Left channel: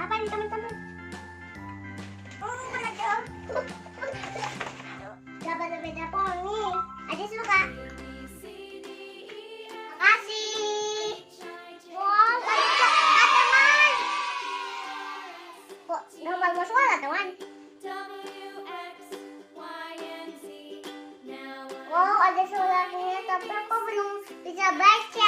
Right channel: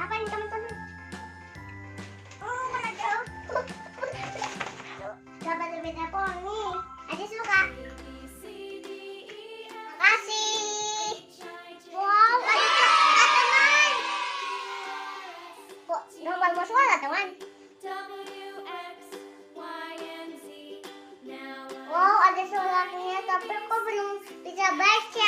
Apa nih teman-teman? Oh, mana jauh? Dapat beda poni. Adik suka. Makasih. Wow, ada coklat teman. Kok nggak mau sekolah teman? Wow, ada suratnya tapi aku belum bisa baca.